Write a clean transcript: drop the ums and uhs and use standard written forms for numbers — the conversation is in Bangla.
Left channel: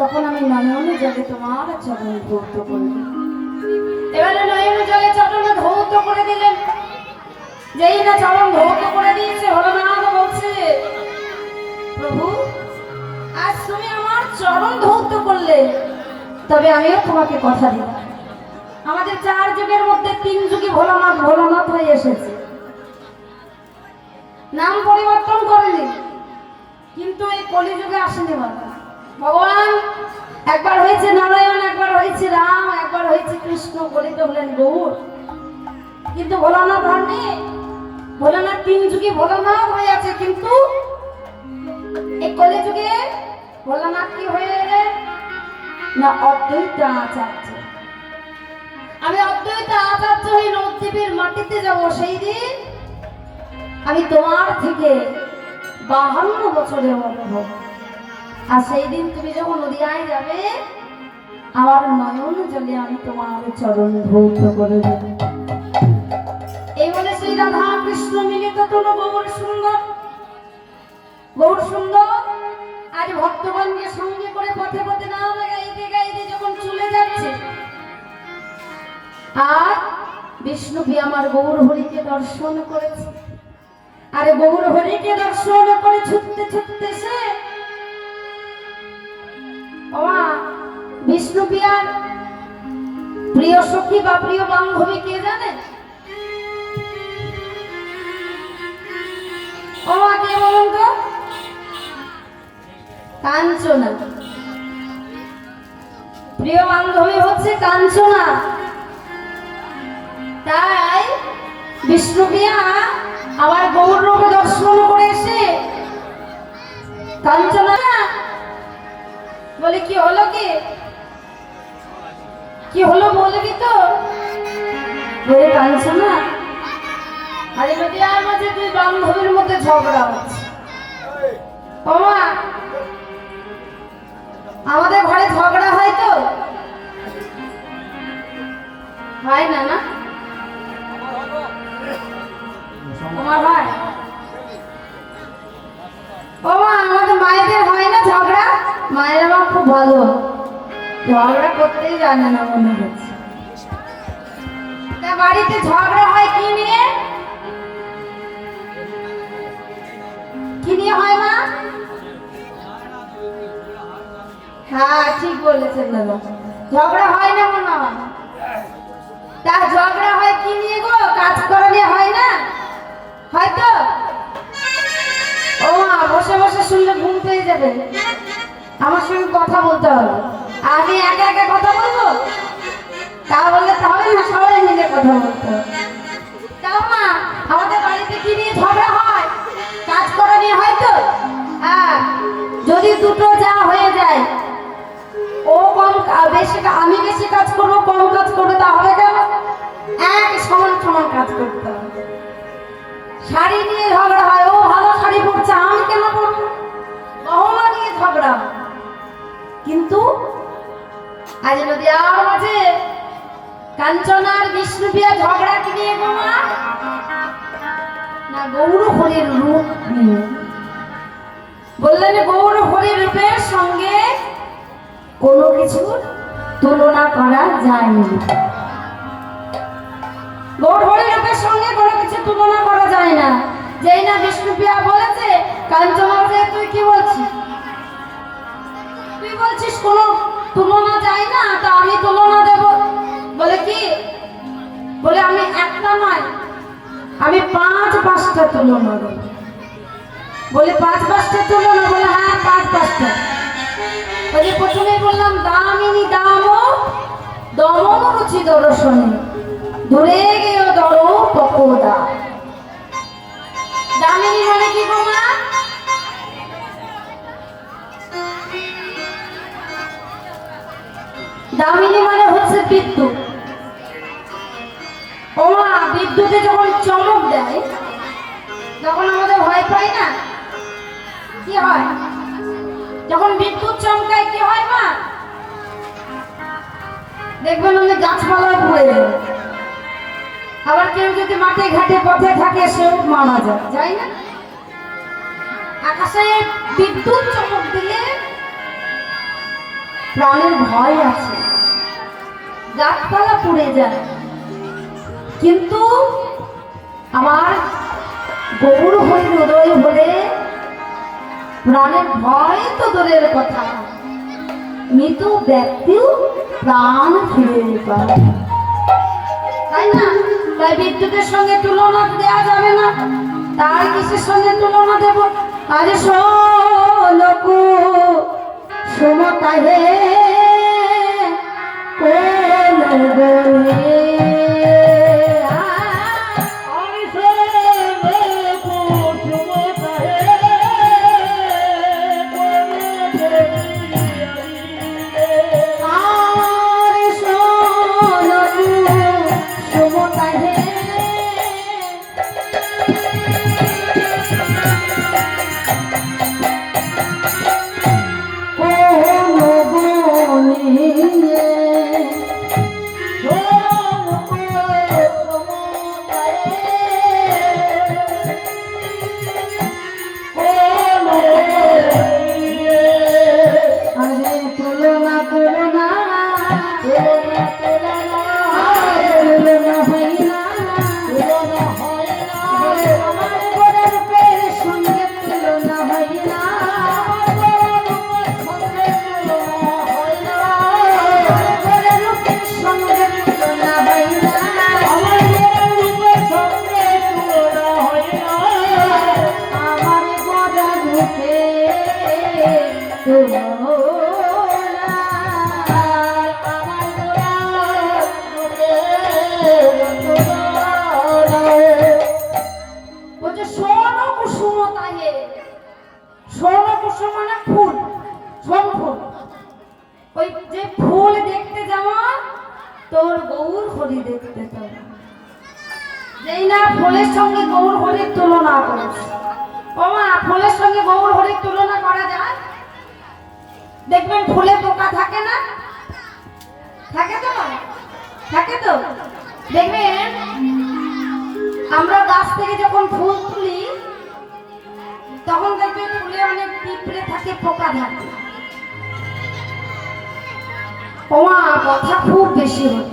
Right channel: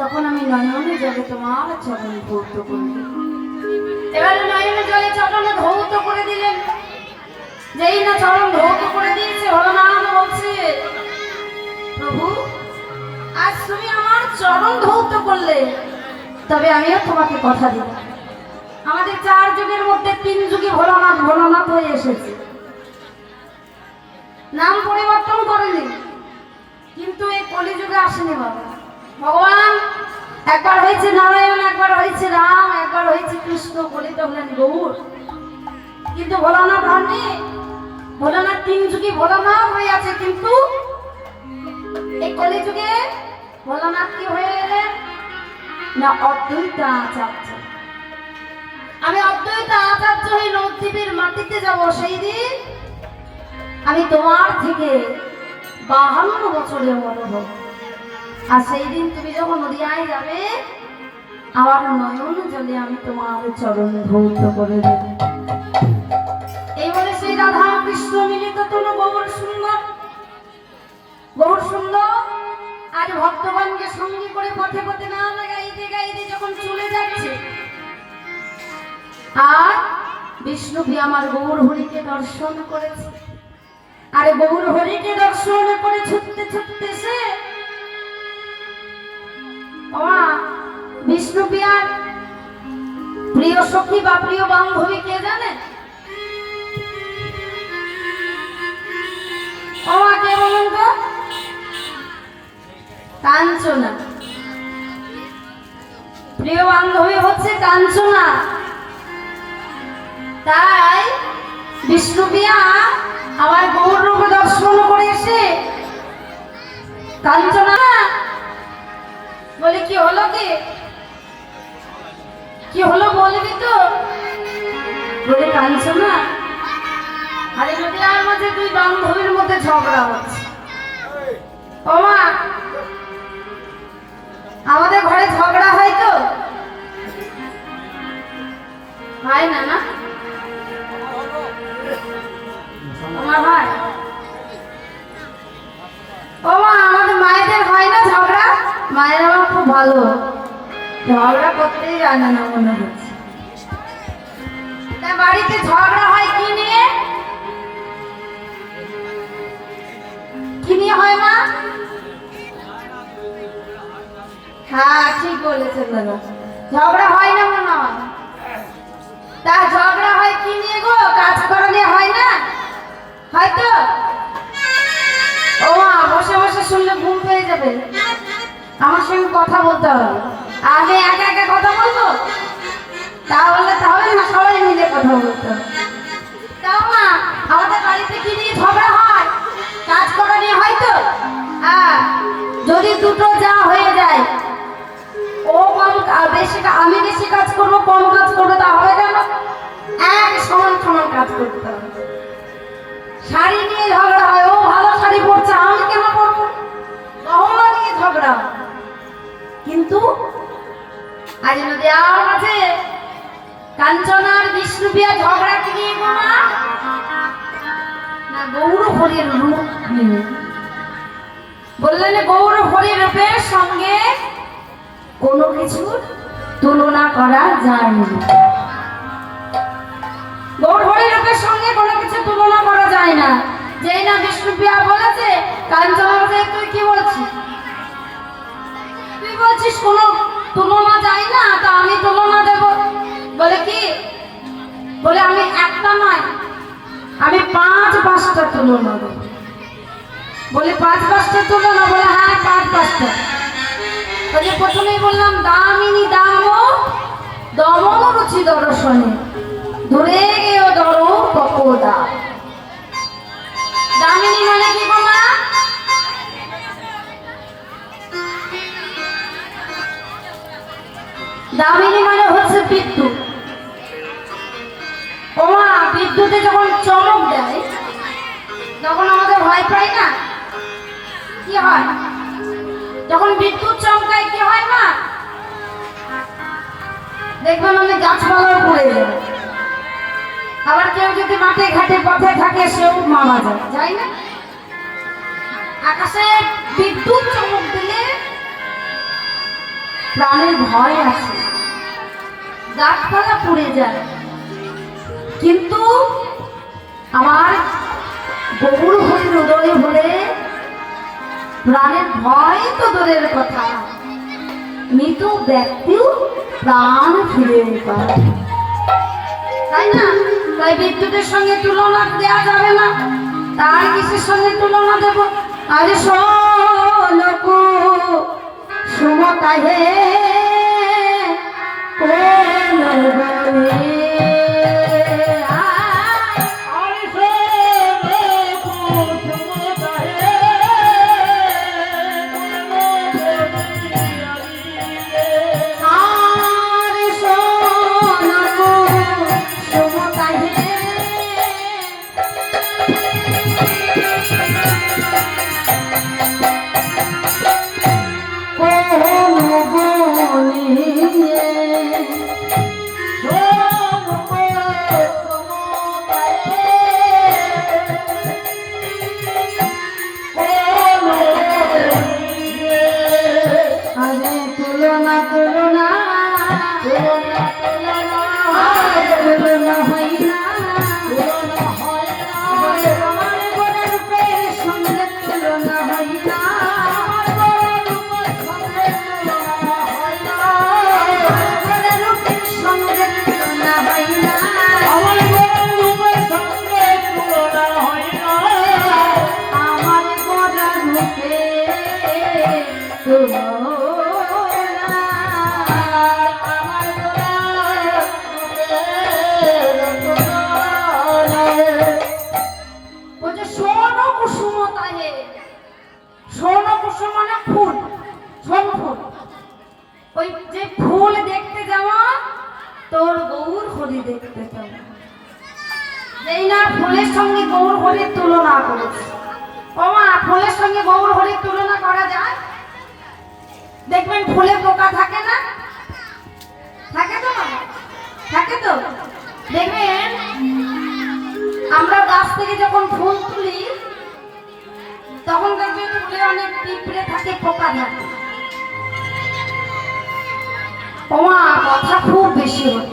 তখন আমি নয়নে জলে তোমার চরণ ধৌত করব। এবারে নয়নে জলে চরণ ধৌত করে দিলেন। যেই না চরণ ধৌত করে দিয়েছে, হরনাথ বলছে, প্রভু আজ তুমি আমার চরণ ধৌত করলে, তবে আমিও তোমাকে কথা দিই, আমাদের 4 যুগের মধ্যে 3 যুগই ভোলানাথ ভোলানাথ হয়ে এসেছে, নাম পরিবর্তন করেনি, কিন্তু এই কলিযুগে আসেনি বাবা। ভগবান একবার হয়েছে নারায়ণ, একবার হয়েছে রাম, একবার হয়েছে কৃষ্ণ, বলিত হলেন গৌর, কিন্তু ভোলানাথ হননি। ভোলানাথ 3 যুগে ভোলানাথ হয়ে আছে, কিন্তু এই কলিযুগে ভোলানাথ কি হয়ে এলেন না অদ্বৈত আচার্য। আমি অদ্বৈত আচার্য হয়ে নবদ্বীপের মাটিতে যাব, সেই দিন আমি তোমার থেকে 52 বছরের অনুভব। আর সেই দিন তুমি যখন নদিয়ায় যাবে, আমার নয়ন জলে আমি তোমার চরণ ধৌত করে দেব। এই বলে শ্রী রাধা কৃষ্ণ মিলিত তোল গৌর সুন্দর, গৌর সুন্দর আজ ভক্তগণকে সঙ্গে করে পথে পথে গান গাইতে গাইতে যখন চলে যাচ্ছে, আর বিষ্ণুবি আমার গৌর হরিকে দর্শন করেছে। আর গৌর হরিকে দর্শন করে ছুটতে ছুটতে সে বিষ্ণু পিয়ার প্রিয় সখী বা প্রিয় বান্ধবী কে জানে? কে বলুন তো? কাঞ্চনা। প্রিয় বান্ধবী হচ্ছে কাঞ্চনা। তাই বিষ্ণু পিয়া আমার গৌরকে দর্শন করে এসে কাঞ্চনা বলে, কি হলো, কি হলো বলবি তো? বলে, কাঞ্চনা আরে যদি আমাদের 2 বান্ধবীর মধ্যে ঝগড়া হচ্ছে। ও মা, আমাদের ঘরে ঝগড়া হয় তো? হয় না? না ভাই, ও মা, আমাদের মায়েদের হয় না ঝগড়া? মায়ের আমার খুব ভালো, ঝগড়া করতেই জানে না মনে হচ্ছে। বাড়িতে ঝগড়া হয় কি নিয়ে? কি নিয়ে হয় মা? হ্যাঁ, ঠিক বলেছেন দাদা, ঝগড়া হয় না মনে হয়। তা ঝগড়া হয় কি নিয়ে গো? কাজ করা নিয়ে হয় না? হয়তো ও মা, বসে বসে শুনলে ঘুম পেয়ে যাবে, আমার সঙ্গে কথা বলতে হবে। আগে একা একা কথা বলবো, তাহলে না, সবাই মিলে কথা বলতে হবে। তাও মা, আমাদের বাড়িতে কি নিয়ে ঝগড়া হয়? কাজ করা নিয়ে হয়তো। যদি দুটো যা হয়ে যায়, ও কম বেশি, আমি বেশি কাজ করবো, কম কাজ করবো, তা হবে কেন? এক সমান সমান কাজ করতে হবে। শাড়ি নিয়ে ঝগড়া হয়, ও ভালো শাড়ি পরছে, আমি কেন পরবো, গহনা নিয়ে ঝগড়া। কিন্তু আজ যদি আর আছে কাঞ্চনার বিষ্ণুপ্রিয়া ঝগড়া কি নিয়ে গো মা? না গৌর হরির রূপ নিয়ে। বললেন গৌর হরির রূপের সঙ্গে কোনো কিছু তুলনা করা যায় না। গৌর হরির রূপের সঙ্গে কোনো কিছু তুলনা করা যায় না। যেই না বিষ্ণুপ্রিয়া বলেছে কাঞ্চনাকে, তুই কি বলছিস? তুই বলছিস কোনো তুলনা যায় না, তা আমি তুলনা দেব। বলে কি? বলে আমি একটা নয়, আমি 5-5টা তুলনা দেব। বলে 5-5টা তুলনা? বলে হ্যাঁ 5-5টা। বলে প্রথমেই বললাম দামিনী দাম দমন রুচি দর্শনে ধরে গেও দর পকোদা। দামিনী মানে কি বলা? দামিনী মানে হচ্ছে বিদ্যুৎ। ওমা বিদ্যুতে যখন চমক দেয়, যখন আমাদের ভয় পাই না, কি হয়? যখন বিদ্যুৎ চমকায় কি হয় মা? দেখবেন অনেক গাছপালা পড়ে যায়। আবার কেউ যদি মাঠে ঘাটে পথে থাকে সেও মারা যায়, যাই না? আকাশে বিদ্যুৎ চমক দিলে প্রাণের ভয় আছে, গাছপালা পুড়ে যায়। কিন্তু আমার গৌর হরির উদয় হলে প্রাণের ভয় তো দূরের কথা, মৃত ব্যক্তিও প্রাণ ফিরে পায়, তাই না? তাই বিদ্যুতের সঙ্গে তুলনা দেওয়া যাবে না। তার কিসের সঙ্গে তুলনা দেব? আরে লোক সমতা হে তোর গৌর হরি দেখতে পাবে। যেই না ফুলের সঙ্গে গৌর হরির তুলনা করেছে। ওমা ফুলের সঙ্গে গৌর হরির তুলনা করা যায়? দেখবেন ফুলে পোকা থাকে না? থাকে তো? থাকে তো? দেখবেন আমরা গাছ থেকে যখন ফুল তুলি তখন দেখবেন ফুলে অনেক পিঁপড়ে থাকে, পোকা থাকে। ওমা কথা খুব বেশি হচ্ছে।